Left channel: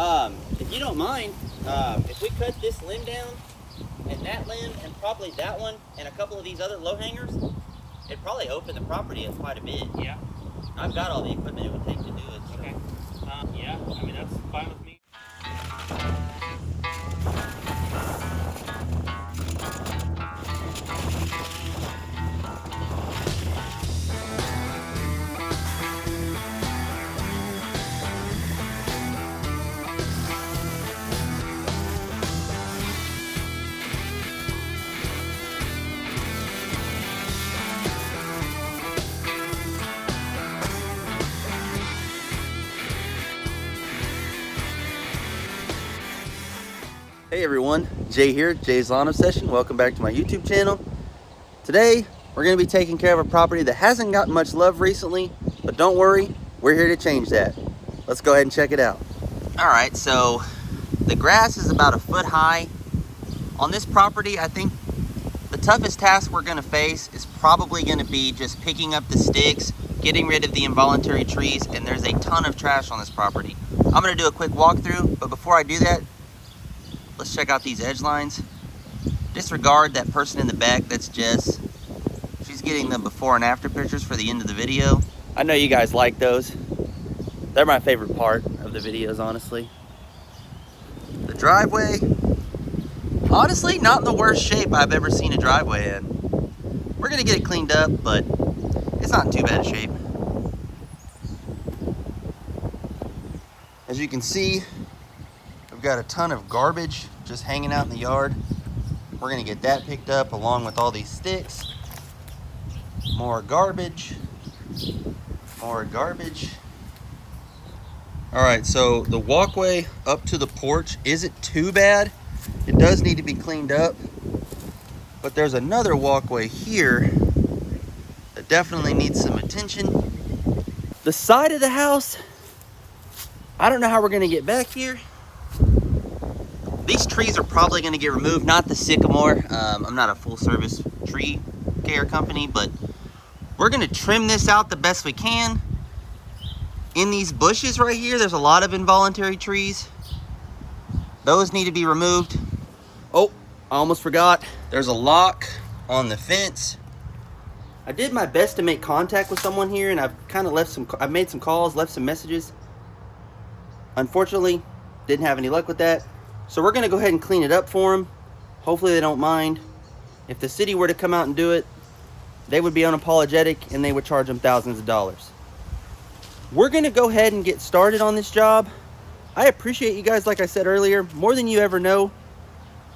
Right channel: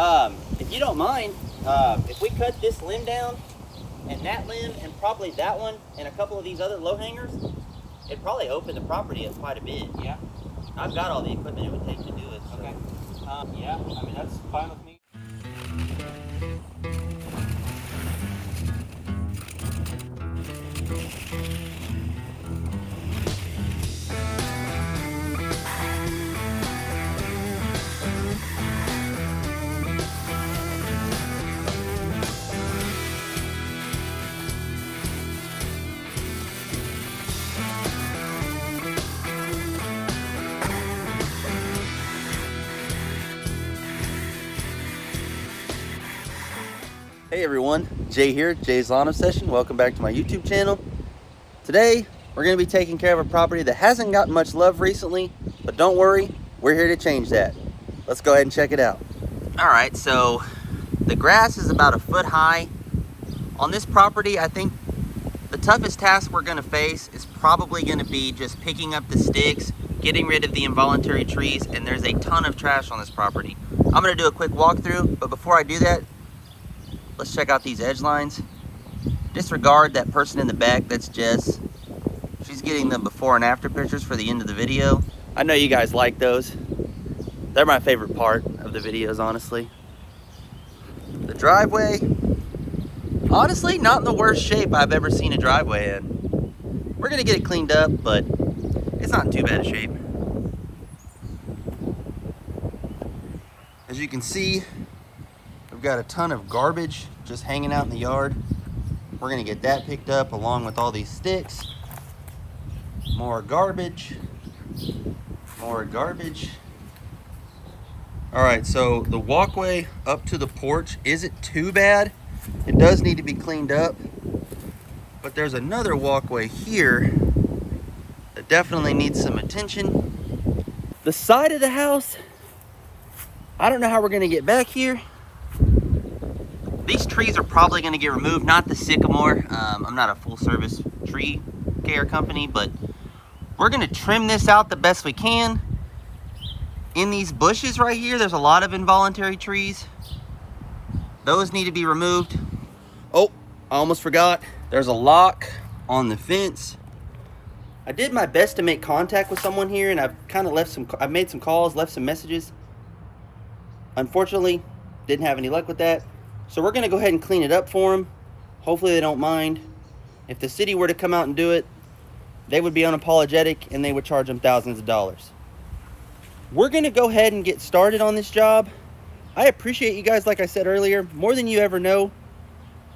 If you don't mind, if we cut this limb down and that limb and probably that one and a couple of these other low hangers, it'd probably open the property up quite a bit. Yeah. I've got all the equipment it would take to do it. So. Okay. Yeah, I mean, that's fine with me. Hey everyone, Jay here, Jay's Lawn Obsession. Welcome back to my YouTube channel. Today, we're going to be taking care of a property that hasn't gotten much love recently, but don't worry, we're here to change that. Let's go ahead and check it out. All right, so the grass is about a foot high. On this property, I think the toughest task we're going to face is probably going to be just picking up the sticks, getting rid of the involuntary trees, and there's a ton of trash on this property. I'm going to do a quick walkthrough, but before I do that, let's check out these edge lines. Disregard that person in the back, that's Jess. She's getting the before and after pictures for the end of the video. I know you guys like those. They're my favorite part of the videos, honestly. The driveway, honestly, not in the worst shape I've ever seen a driveway in. We're gonna get it cleaned up, but it's not in too bad a shape. As you can see, we've got a ton of garbage just hanging out in the yard. We're gonna get that picked up along with all these sticks. More garbage. More garbage. All right, so the walkway up to the porch isn't too bad. It does need to be cleaned up. But there's another walkway here that definitely needs some attention. The side of the house, I don't know how we're gonna get back here. These trees are probably going to get removed, not the sycamore. I'm not a full service tree care company, but we're going to trim this out the best we can. In these bushes right here, there's a lot of involuntary trees. Those need to be removed. Oh, I almost forgot. There's a lock on the fence. I did my best to make contact with someone here, and I've made some calls, left some messages. Unfortunately, didn't have any luck with that. So we're gonna go ahead and clean it up for them. Hopefully they don't mind. If the city were to come out and do it, they would be unapologetic and they would charge them thousands of dollars. We're gonna go ahead and get started on this job. I appreciate you guys, like I said earlier, more than you ever know.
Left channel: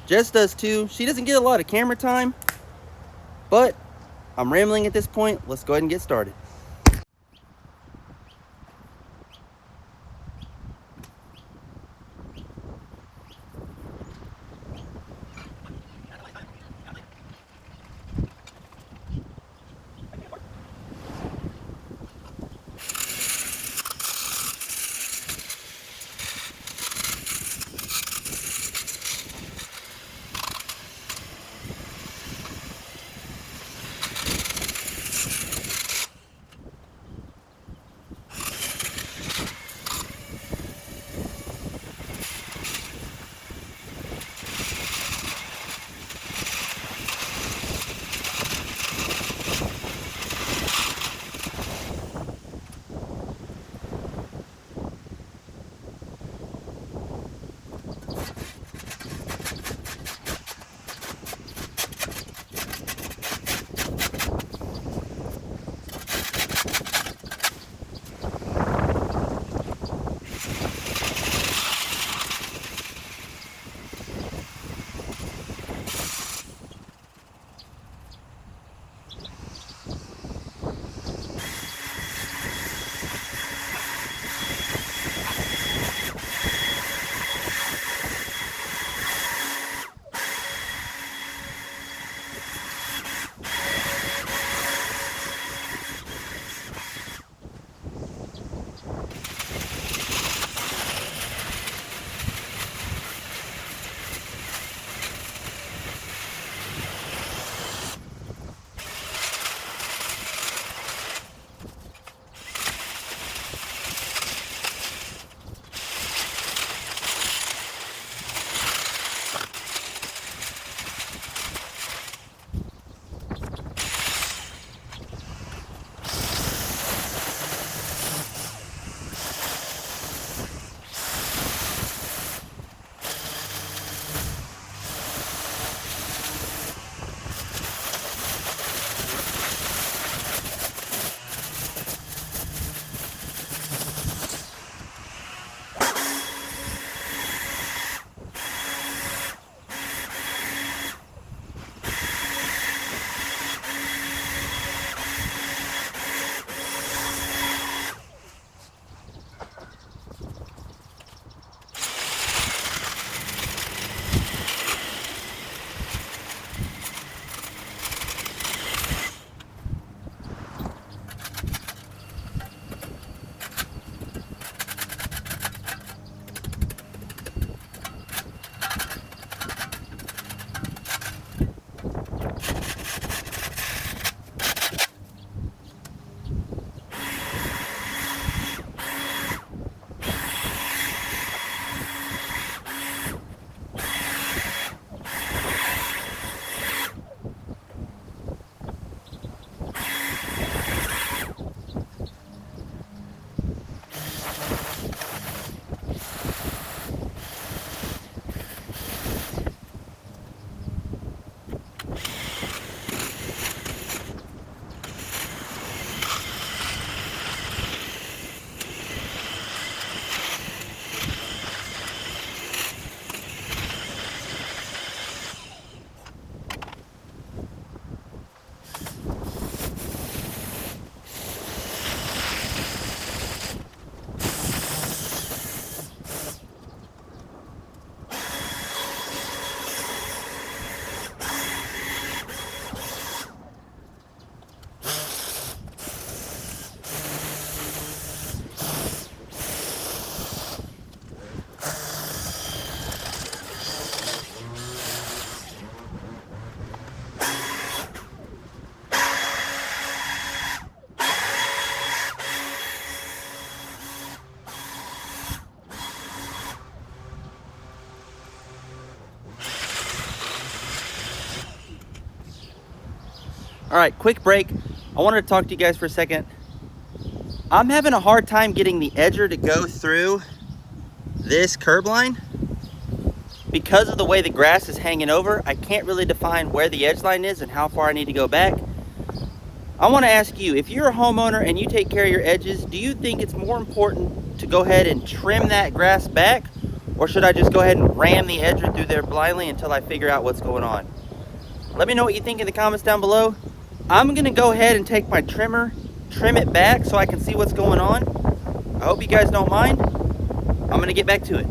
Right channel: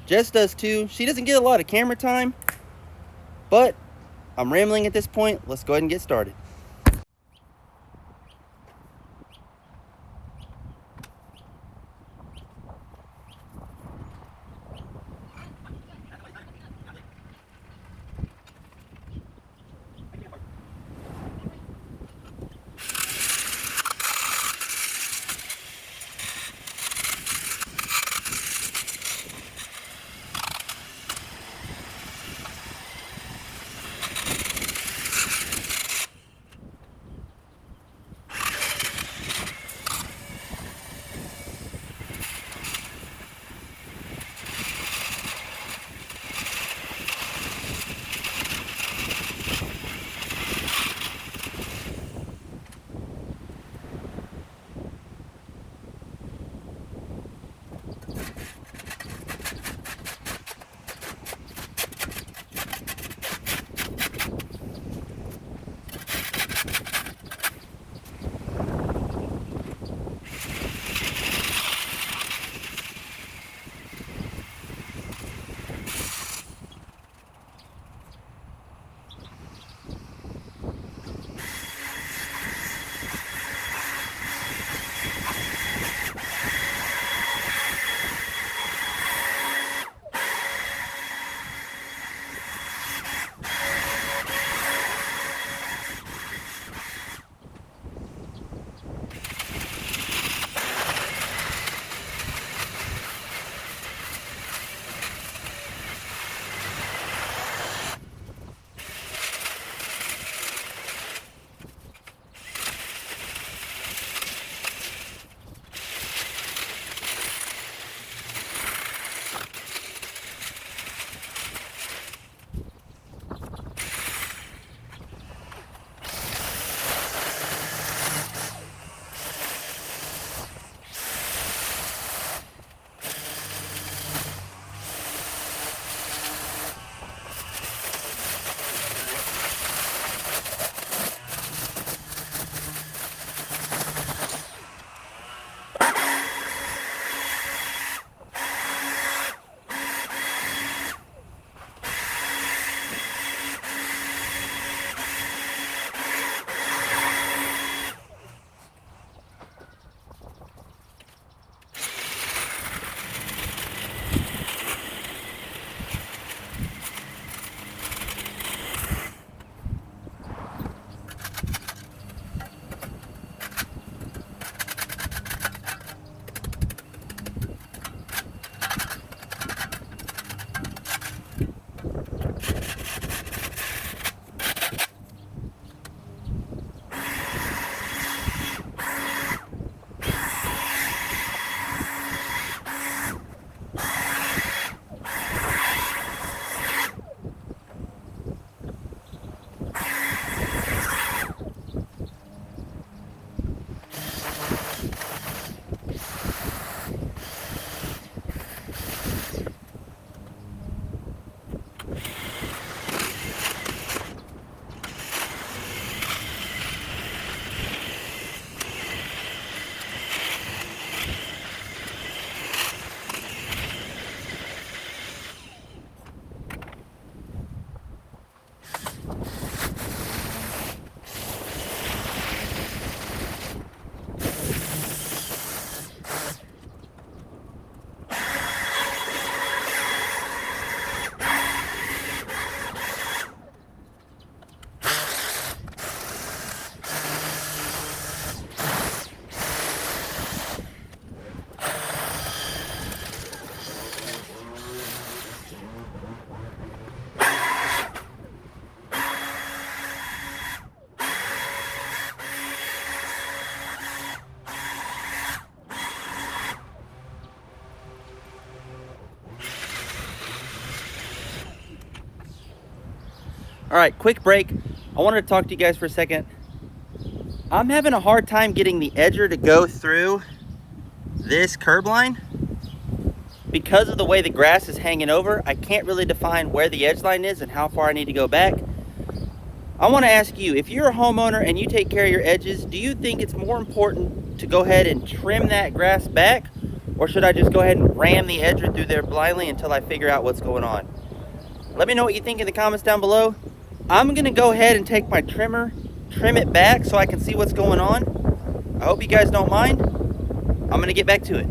Jess does too. She doesn't get a lot of camera time, but I'm rambling at this point. Let's go ahead and get started. All right, quick break. I wanted to talk to you guys for a second. I'm having a hard time getting the edger to go through this curb line. Because of the way the grass is hanging over, I can't really define where the edge line is and how far I need to go back. I want to ask you, if you're a homeowner and you take care of your edges, do you think it's more important to go ahead and trim that grass back, or should I just go ahead and ram the edger through there blindly until I figure out what's going on? Let me know what you think in the comments down below. I'm going to go ahead and take my trimmer, trim it back so I can see what's going on. I hope you guys don't mind. I'm going to get back to it.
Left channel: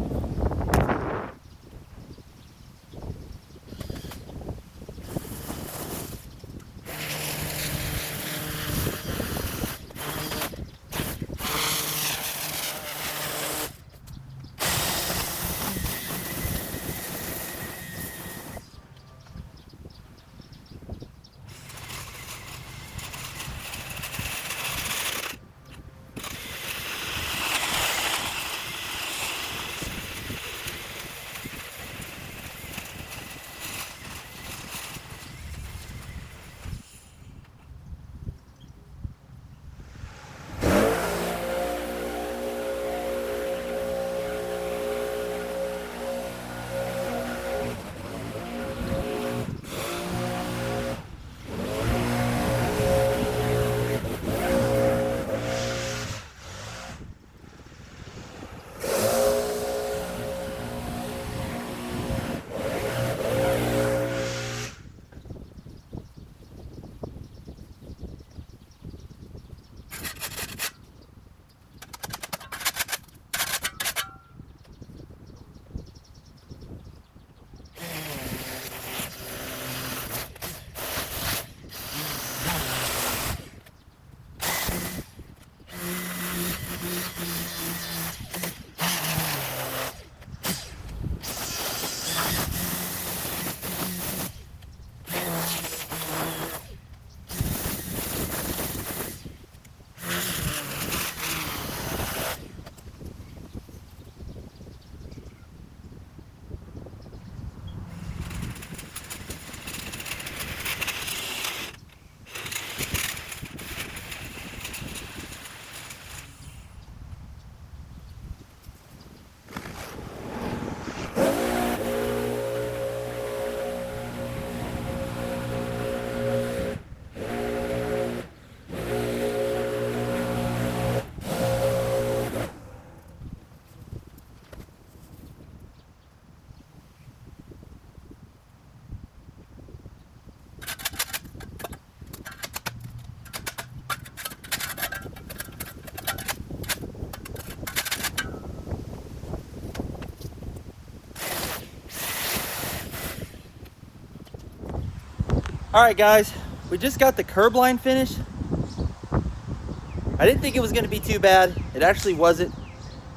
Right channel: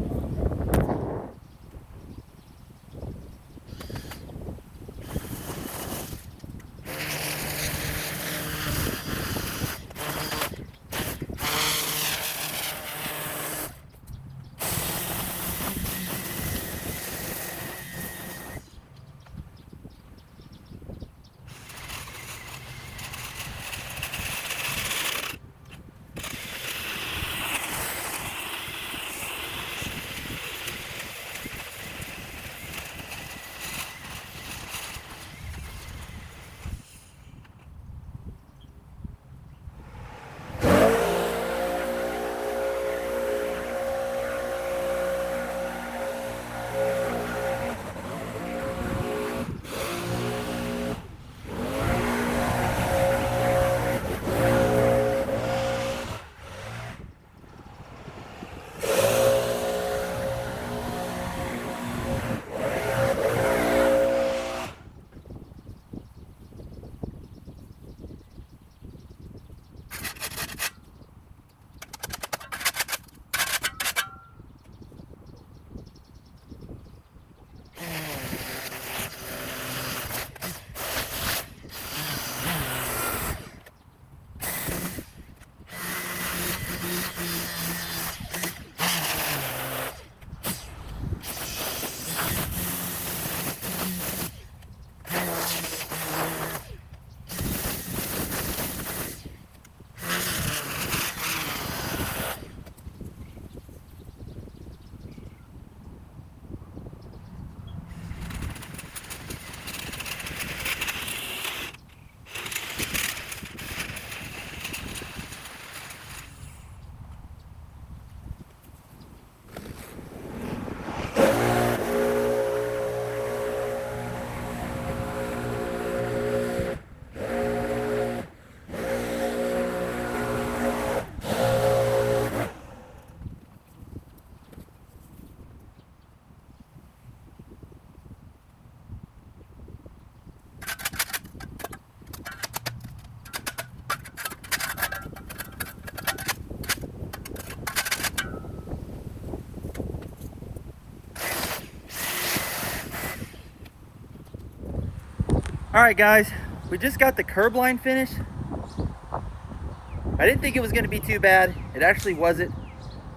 All right, guys, we just got the curb line finished. I didn't think it was going to be too bad. It actually wasn't.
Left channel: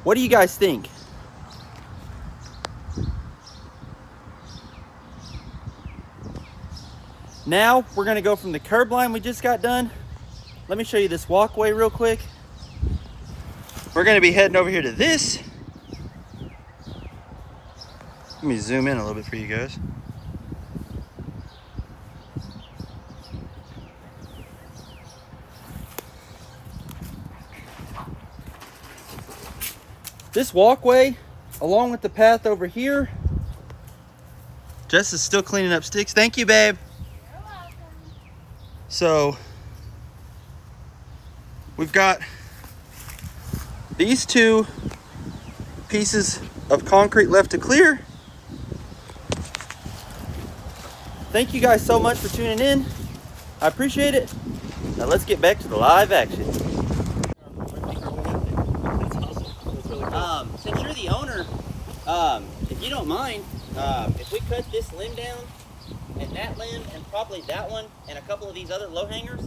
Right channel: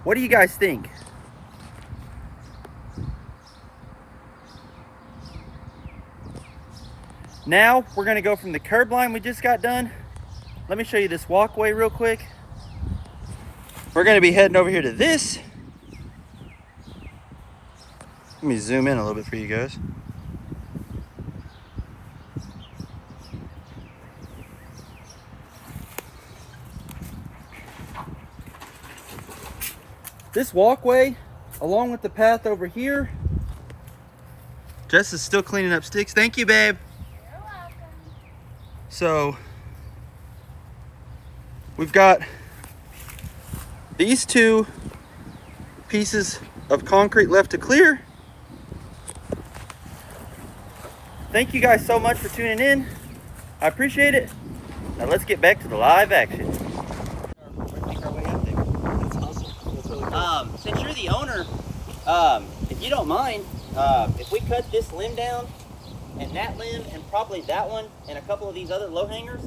What do you guys think? Now we're going to go from the curb line we just got done. Let me show you this walkway real quick. We're going to be heading over here to this. Let me zoom in a little bit for you guys. This walkway, along with the path over here. Jess is still cleaning up sticks. Thank you, babe. You're welcome. So, we've got these two pieces of concrete left to clear. Thank you guys so much for tuning in. I appreciate it. Now let's get back to the live action. Since you're the owner, if you don't mind, if we cut this limb down and that limb and probably that one and a couple of these other low hangers,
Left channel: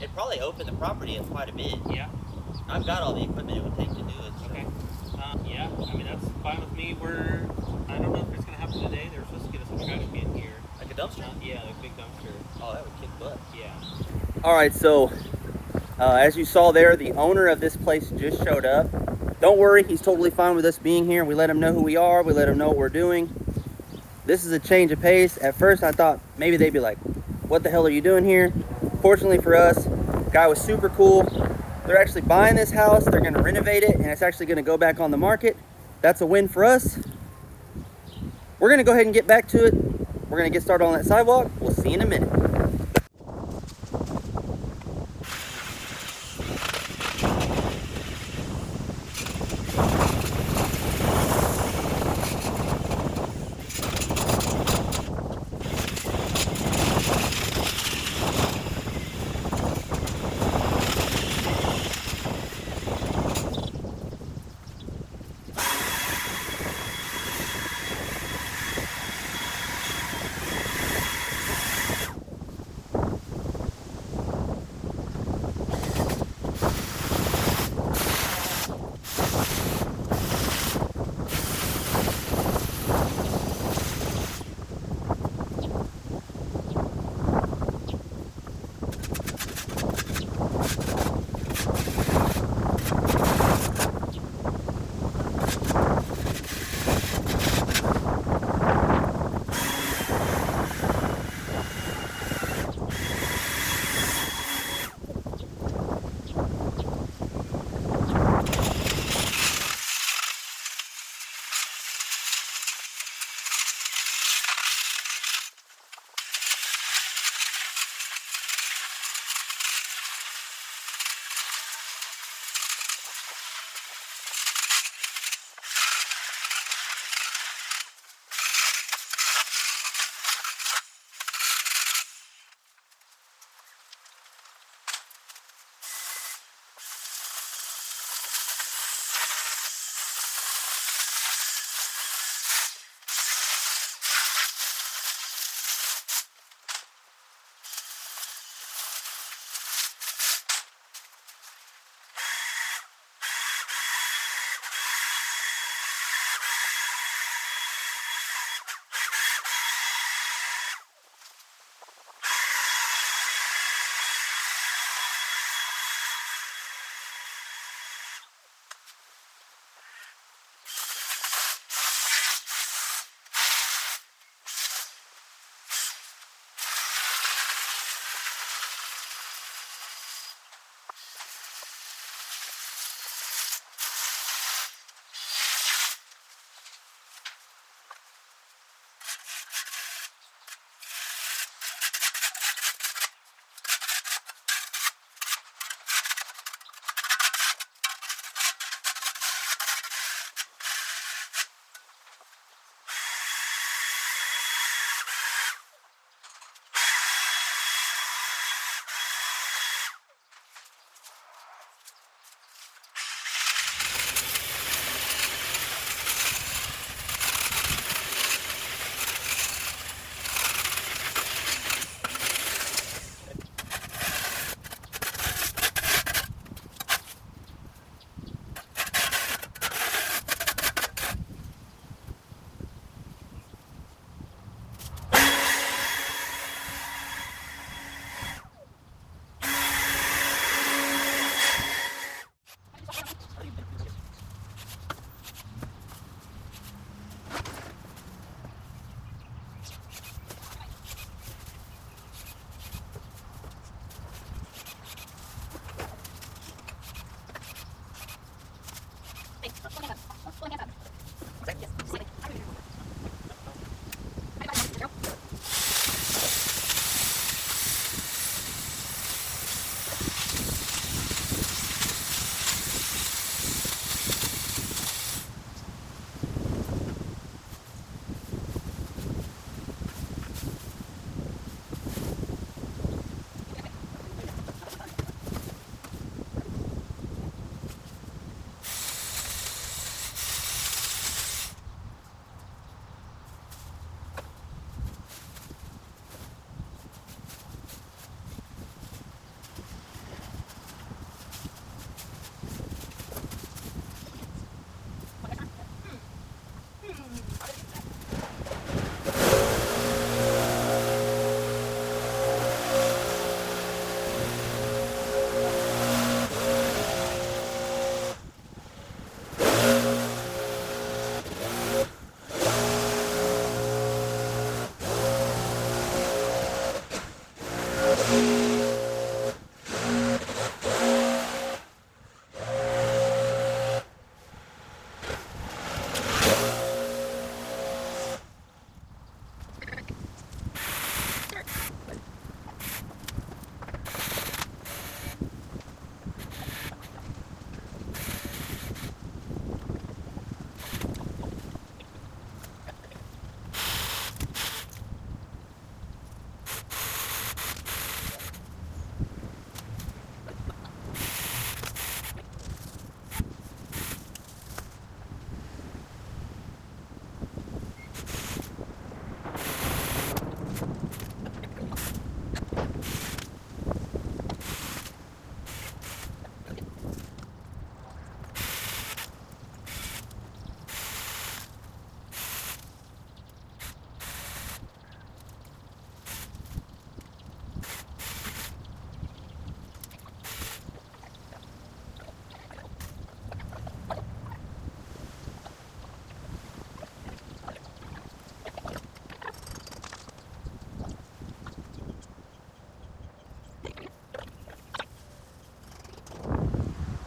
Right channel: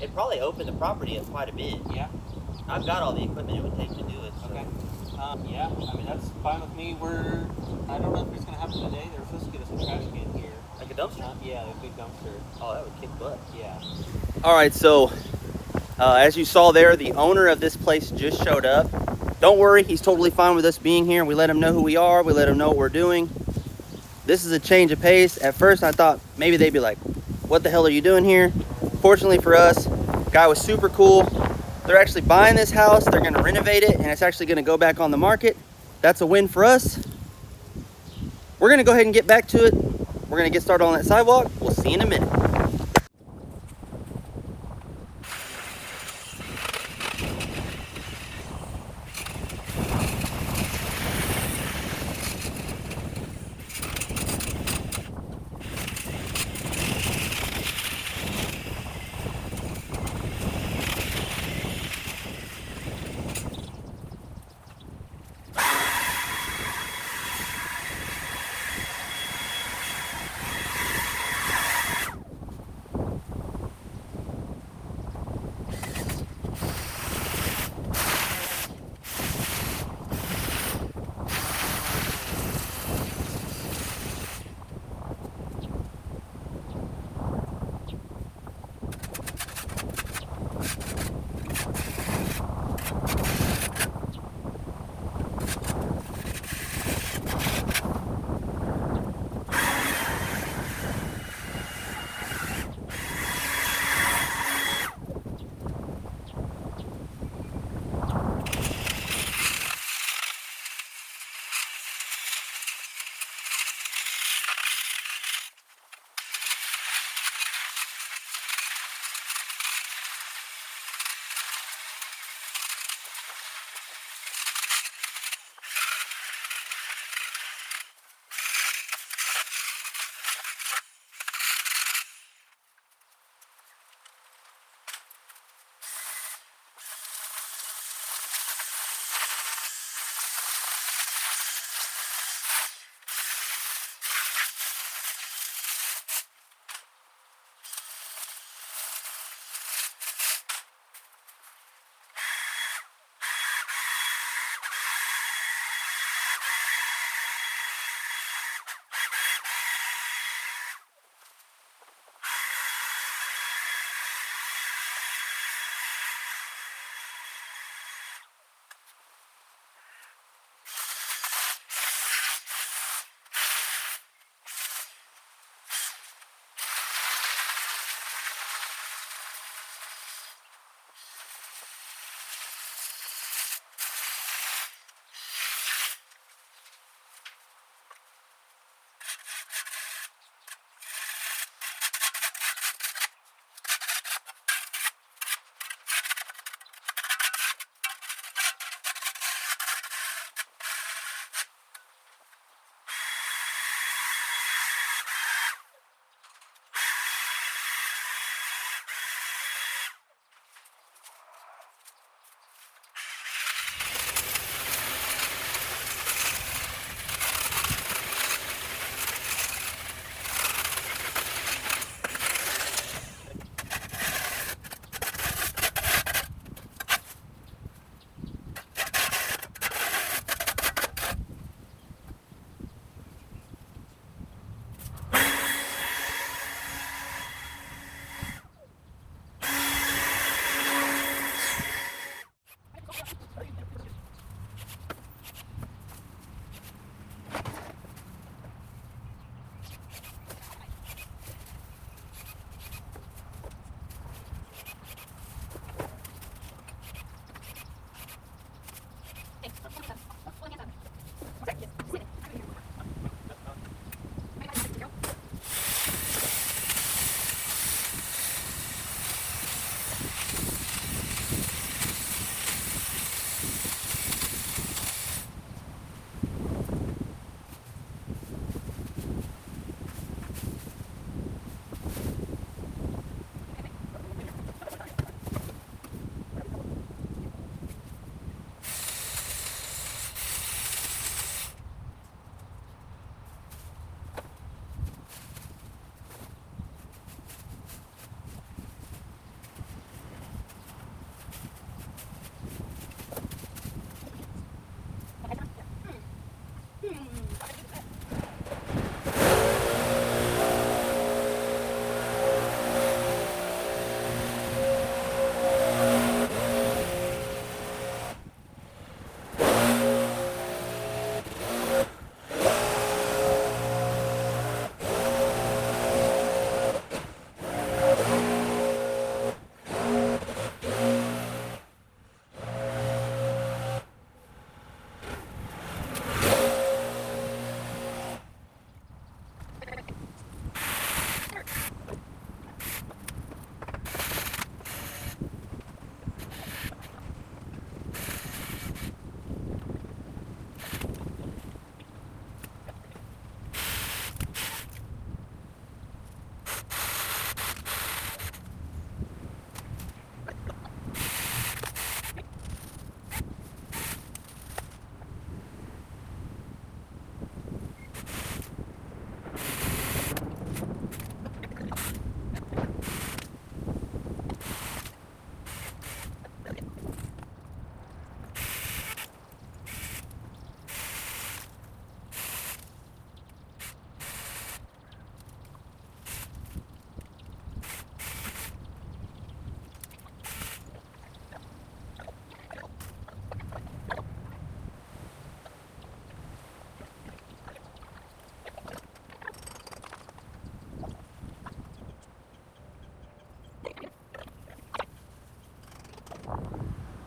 it'd probably open the property up quite a bit. Yeah. I've got all the equipment it would take to do it. So. Okay. Yeah, I mean, that's fine with me. I don't know if it's going to happen today. They were supposed to get us a trash can here. Like a dumpster? Yeah, like a big dumpster. Oh, that would kick butt. Yeah. All right, so as you saw there, the owner of this place just showed up. Don't worry, he's totally fine with us being here. We let him know who we are. We let him know what we're doing. This is a change of pace. At first, I thought maybe they'd be like, what the hell are you doing here? Unfortunately for us, guy was super cool. They're actually buying this house, they're gonna renovate it, and it's actually gonna go back on the market. That's a win for us. We're gonna go ahead and get back to it. We're gonna get started on that sidewalk. We'll see you in a minute.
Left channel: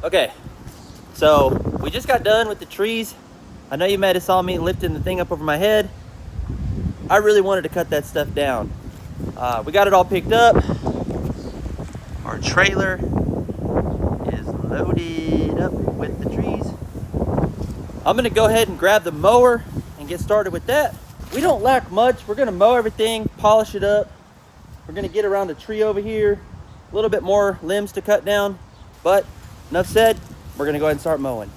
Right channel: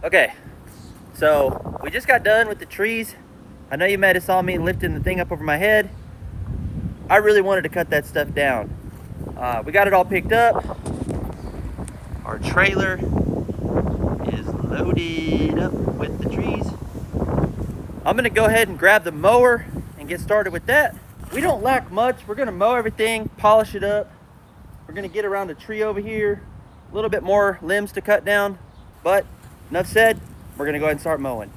Okay, so we just got done with the trees. I know you might have saw me lifting the thing up over my head. I really wanted to cut that stuff down. We got it all picked up. Our trailer is loaded up with the trees. I'm gonna go ahead and grab the mower and get started with that. We don't lack much. We're gonna mow everything, polish it up. We're gonna get around the tree over here. A little bit more limbs to cut down, but enough said, we're gonna go ahead and start mowing.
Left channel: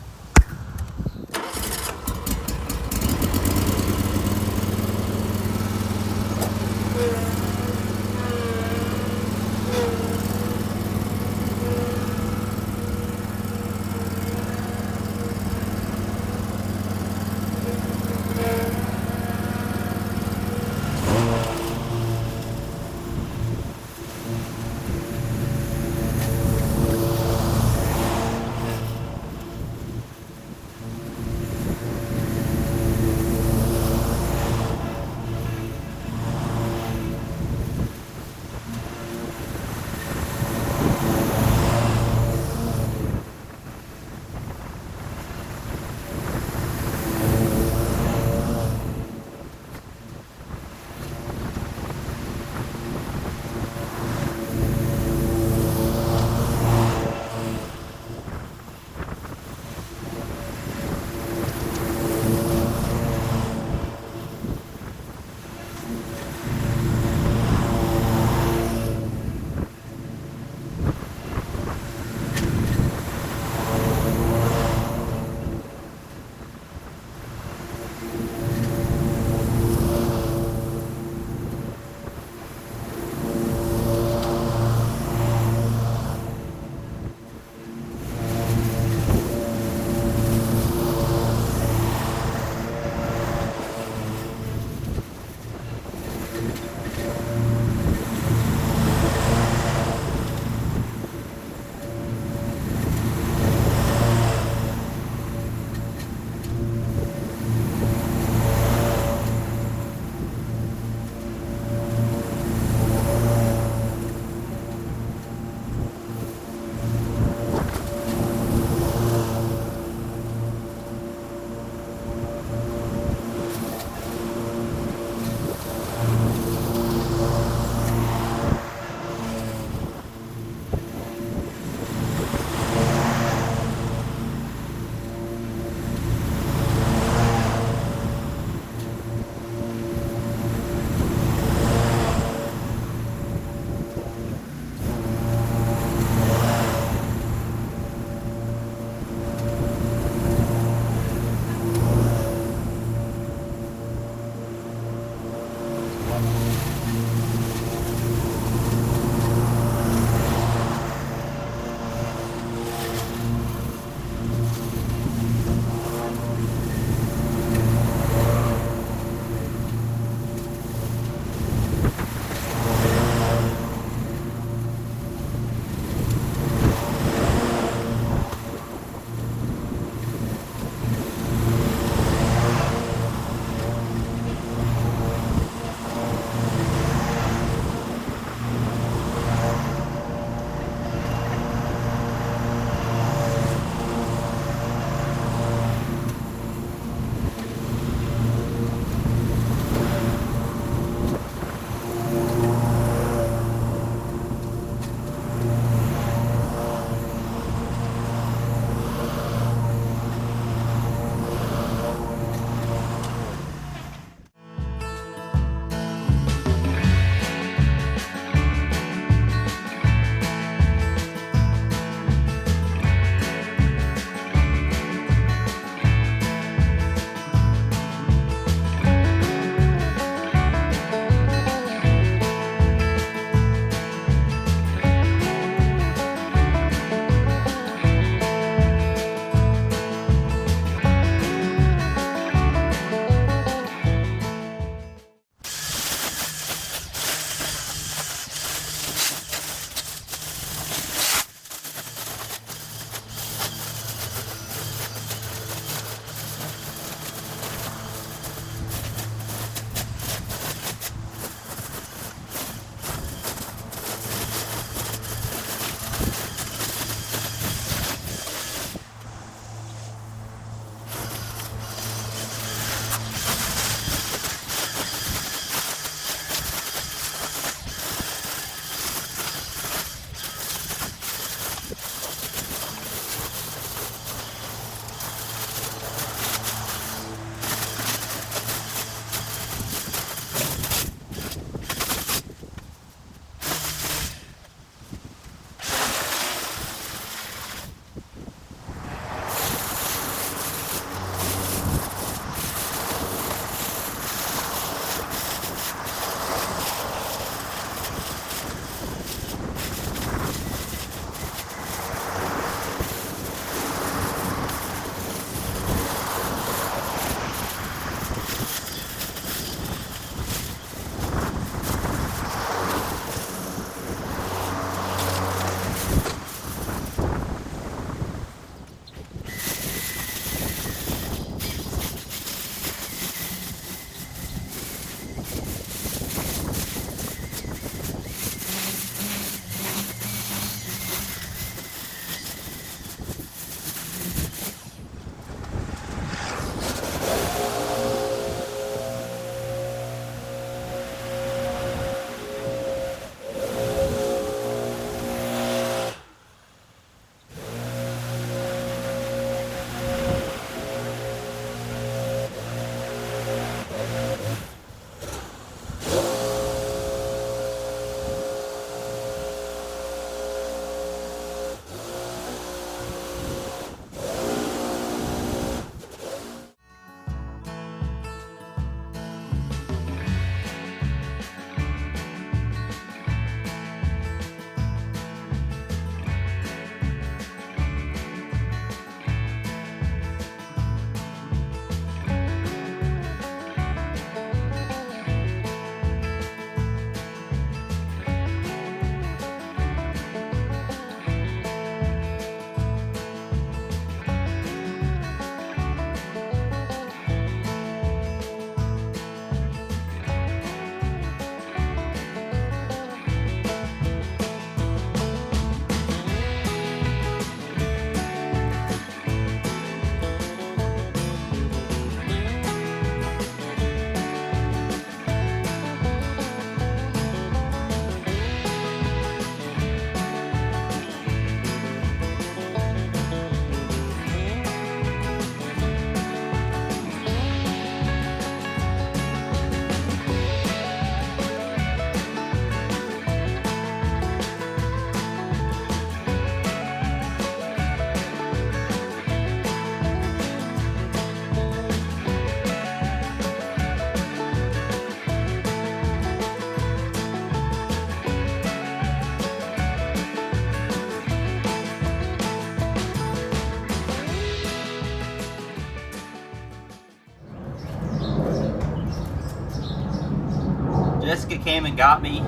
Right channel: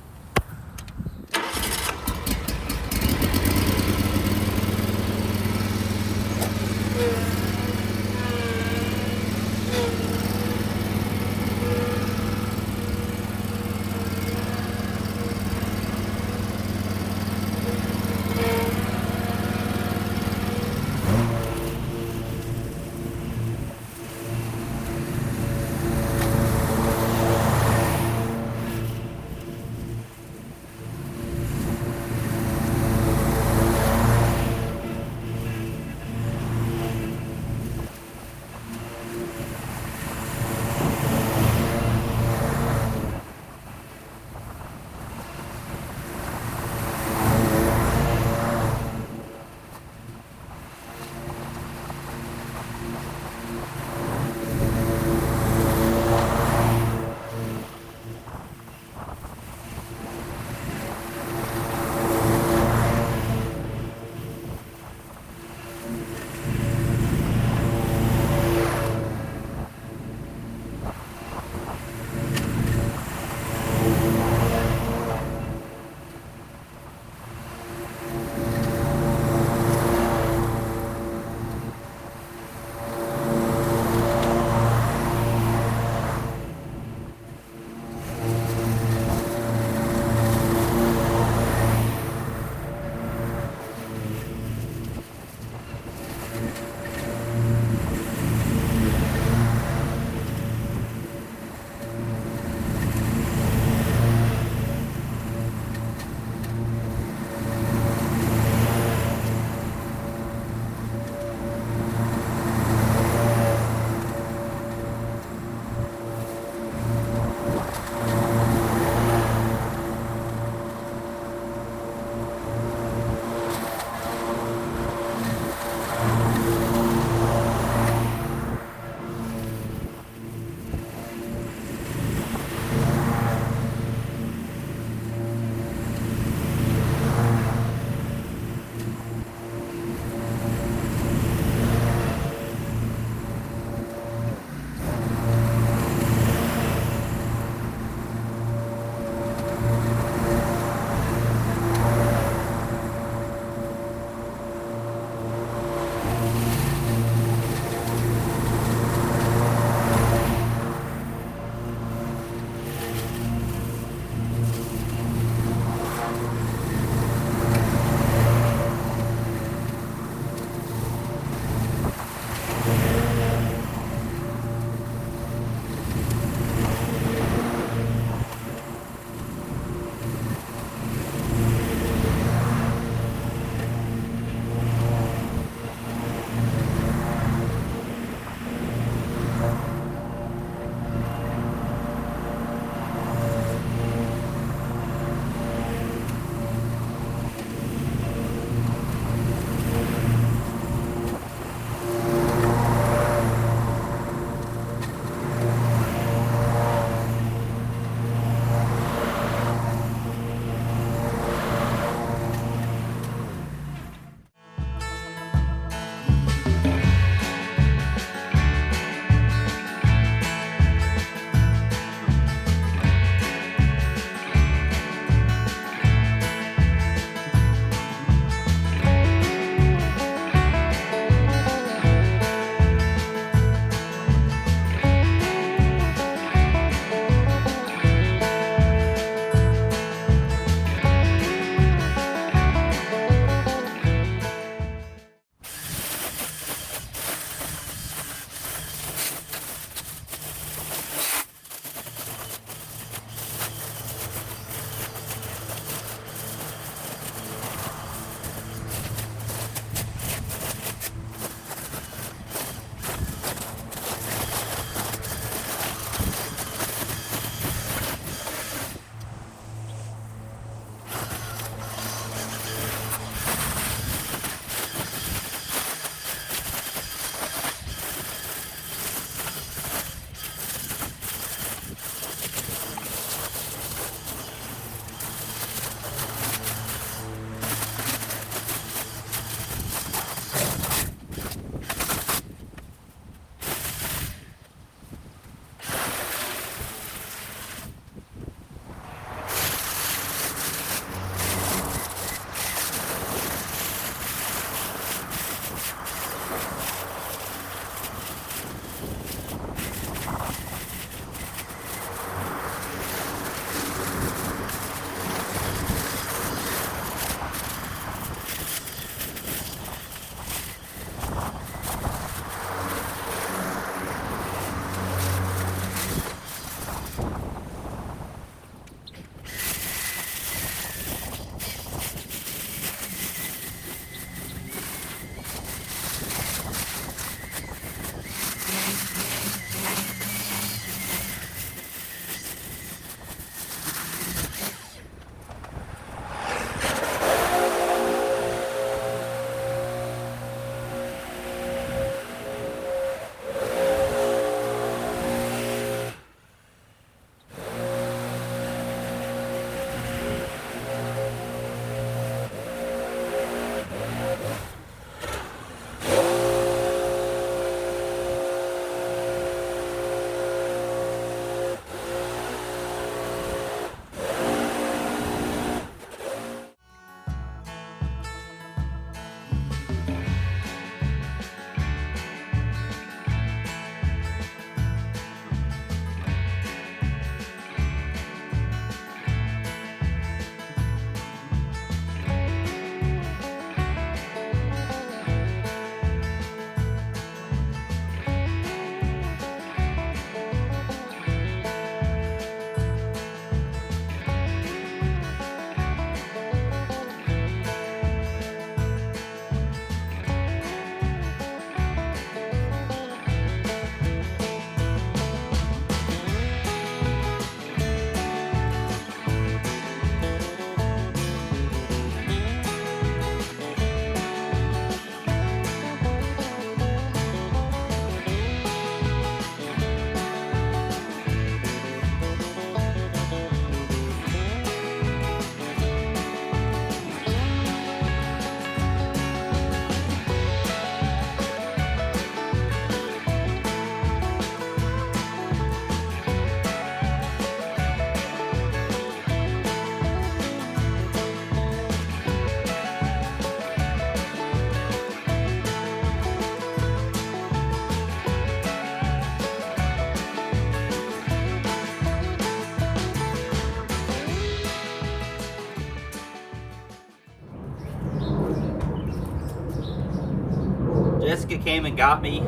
Jessica came and got me.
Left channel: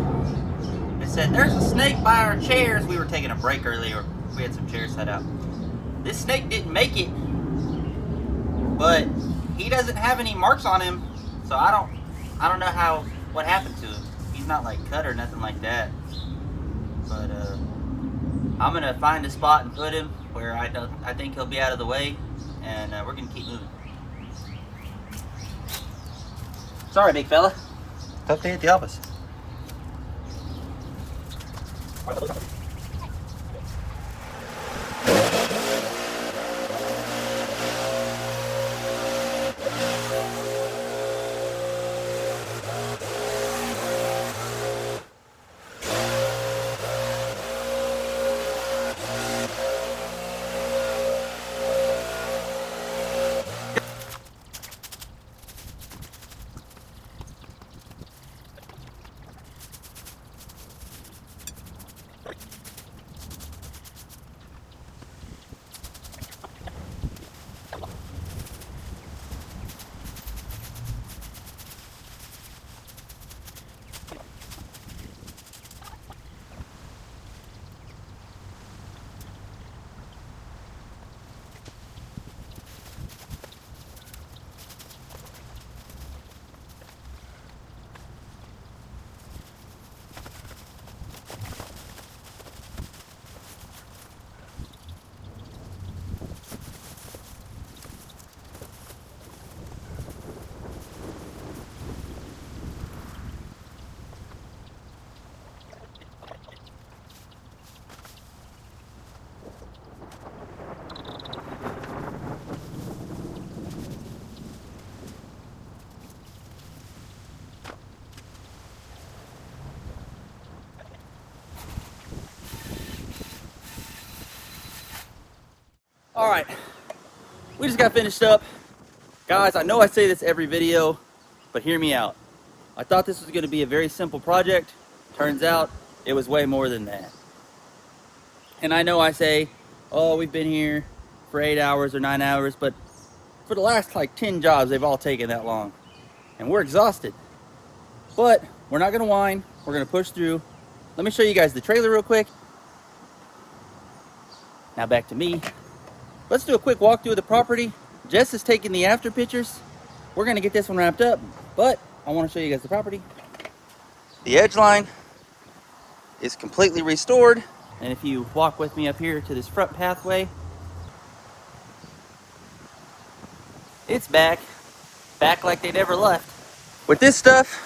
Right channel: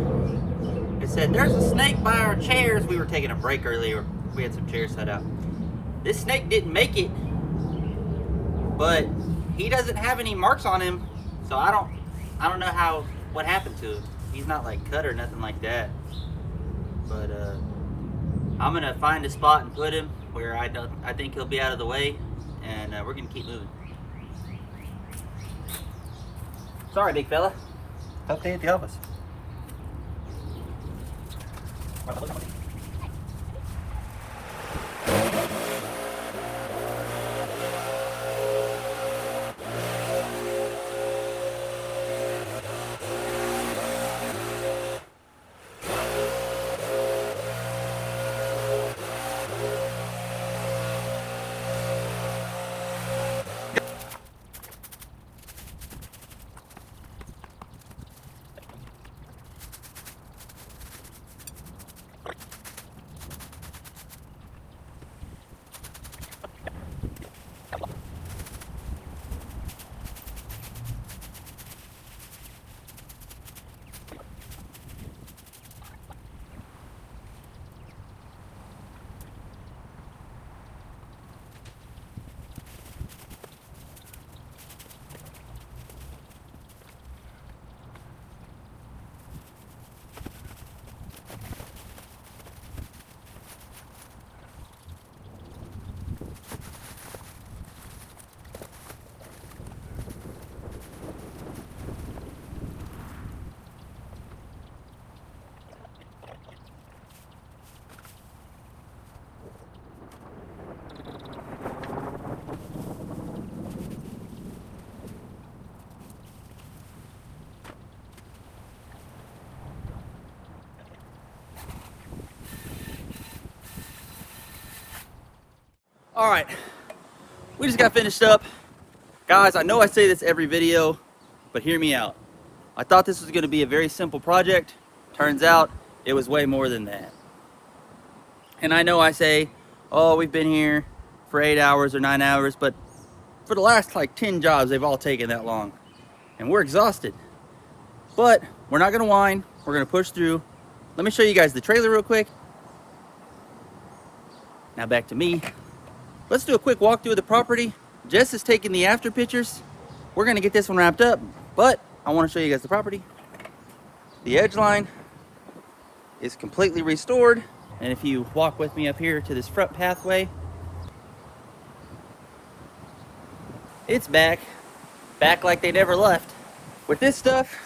It said, there's a snake by our chairs. We were taking a break earlier. We had some chairs set up. This snake didn't make it, but he doesn't have any marks on him, so I don't know what happened to him. He's not like cut or nothing like that. But I'm gonna find a spot and put him where I think he'll be out of the way, and we're gonna keep moving. Sorry, big fella. Tough day at the office. All right, we just got finished up. Guys, I know I say this every video, but hear me out. I thought this was gonna be a very simple project. Turns out it was way more than that. And I know I say, oh, we've been here for 8 hours or 9 hours, but for the last like 10 jobs, they've all taken that long. And we're exhausted. But we're not gonna whine, we're gonna push through. Let me show you guys the trailer real quick. Now back to me. Let's do a quick walkthrough of the property. Jess is taking the after pictures. We're gonna get this one wrapped up, but I wanna show you guys the property. The edge line is completely restored. And if you walk with me up here to this front pathway, it's back like they never left. With this stuff,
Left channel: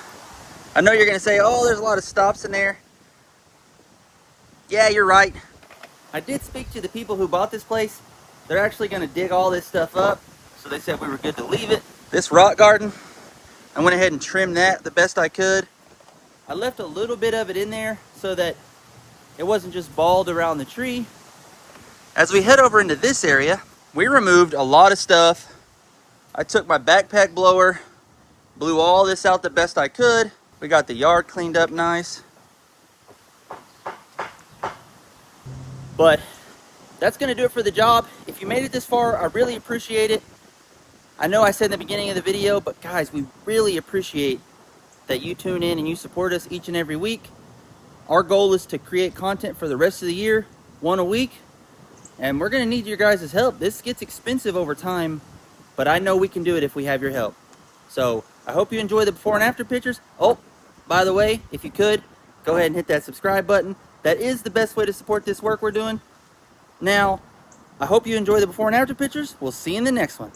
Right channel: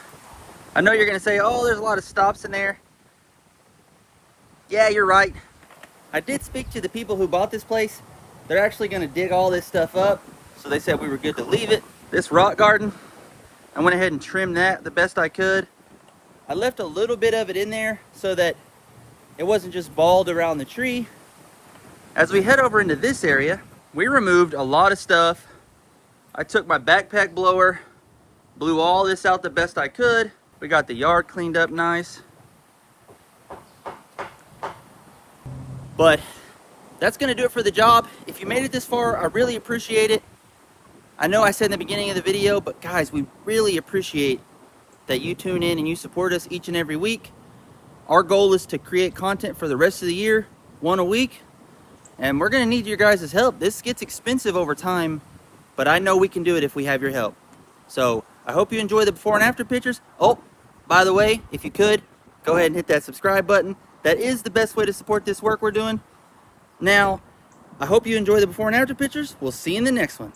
I know you're gonna say, oh, there's a lot of stops in there. Yeah, you're right. I did speak to the people who bought this place. They're actually gonna dig all this stuff up. So they said we were good to leave it. This rock garden, I went ahead and trimmed that the best I could. I left a little bit of it in there so that it wasn't just bald around the tree. As we head over into this area, we removed a lot of stuff. I took my backpack blower, blew all this out the best I could. We got the yard cleaned up nice. But that's gonna do it for the job. If you made it this far, I really appreciate it. I know I said in the beginning of the video, but guys, we really appreciate that you tune in and you support us each and every week. Our goal is to create content for the rest of the year, one a week, and we're gonna need your guys' help. This gets expensive over time, but I know we can do it if we have your help. So I hope you enjoy the before and after pictures. Oh, by the way, if you could, go ahead and hit that subscribe button. That is the best way to support this work we're doing. Now, I hope you enjoy the before and after pictures. We'll see you in the next one.